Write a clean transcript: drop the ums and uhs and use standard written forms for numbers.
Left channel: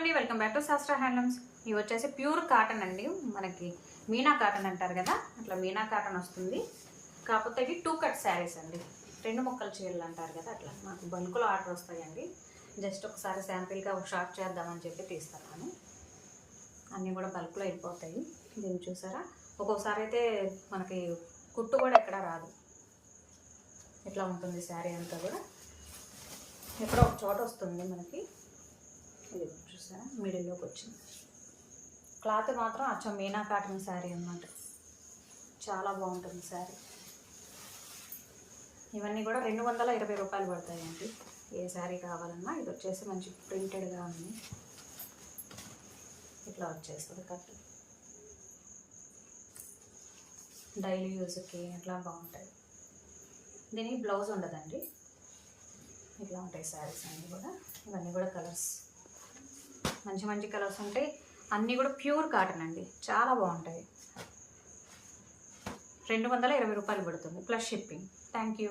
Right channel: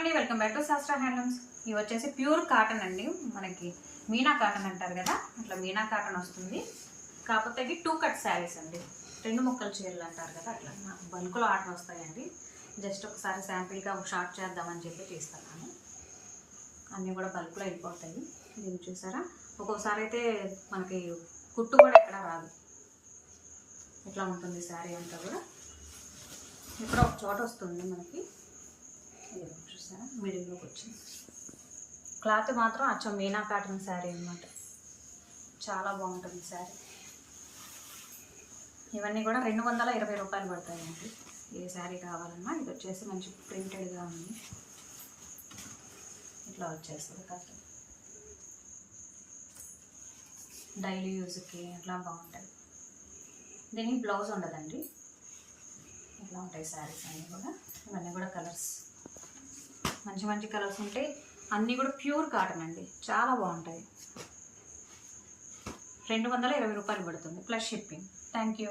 Hello అండి, welcome back to శాస్త్ర handlooms. ఇవి వచ్చేసి ప్యూర్ కాటన్ అండి. మనకి మీనా కాటన్ అంటారు కదా, అట్లా మీనా కాటన్ వస్తుంది. కాకపోతే ఇవి 2 కట్ శారీస్ అండి. 2 ముక్కల చీరలు అంటారు కదా, అట్లా నాకు బల్క్లో ఆర్డర్ వస్తాయండి. జస్ట్ ఒకసారి శాంపిల్గా ఒక షార్ట్ చేద్దామని చెప్పి తీస్తాను. అన్నీ కూడా బల్క్లో వెళ్ళిపోతాయి. దీన్ని చూసారా, ఒక్కోసారి అయితే మనకి కుట్టు కూడా ఎక్కడ రాదు. ఇట్లా ఉంటుంది శారీ అంతా కూడా. ఎక్కడో ఒక చోట వస్తుంది మనకి. చూసారా, మిడిల్లోకి వచ్చింది. క్లాత్ మాత్రం అచ్చం మీనా కాటన్ శారీ అన్నమాట. చాలా బాగుంటుంది శారీ. ఇవన్నీ కూడా 220 రూపాయలు పడతాయండి. ఏ శారీ కావాలన్నా. ఇది వచ్చేసి మంచి ప్రింటెడ్గా ఉంది. ఇట్లా వచ్చేస్తుంది కాటన్. డైలీ యూజ్కి అట్లా బాగుంటుంది. దీనికి బ్లౌజ్ ఉండదండి. ఇట్లా ఉంటాయి శారీస్ అన్నీ కూడా. ఇవన్నీ కూడా కలర్స్, మంచి మంచి కలర్స్ ఉంటాయి. అన్నీ కూడా ప్యూర్ కాటన్ అండి, చాలా బాగుంటాయి. 220 రూపాయలు పడుతుంది ప్లస్ షిప్పింగ్. Thank you.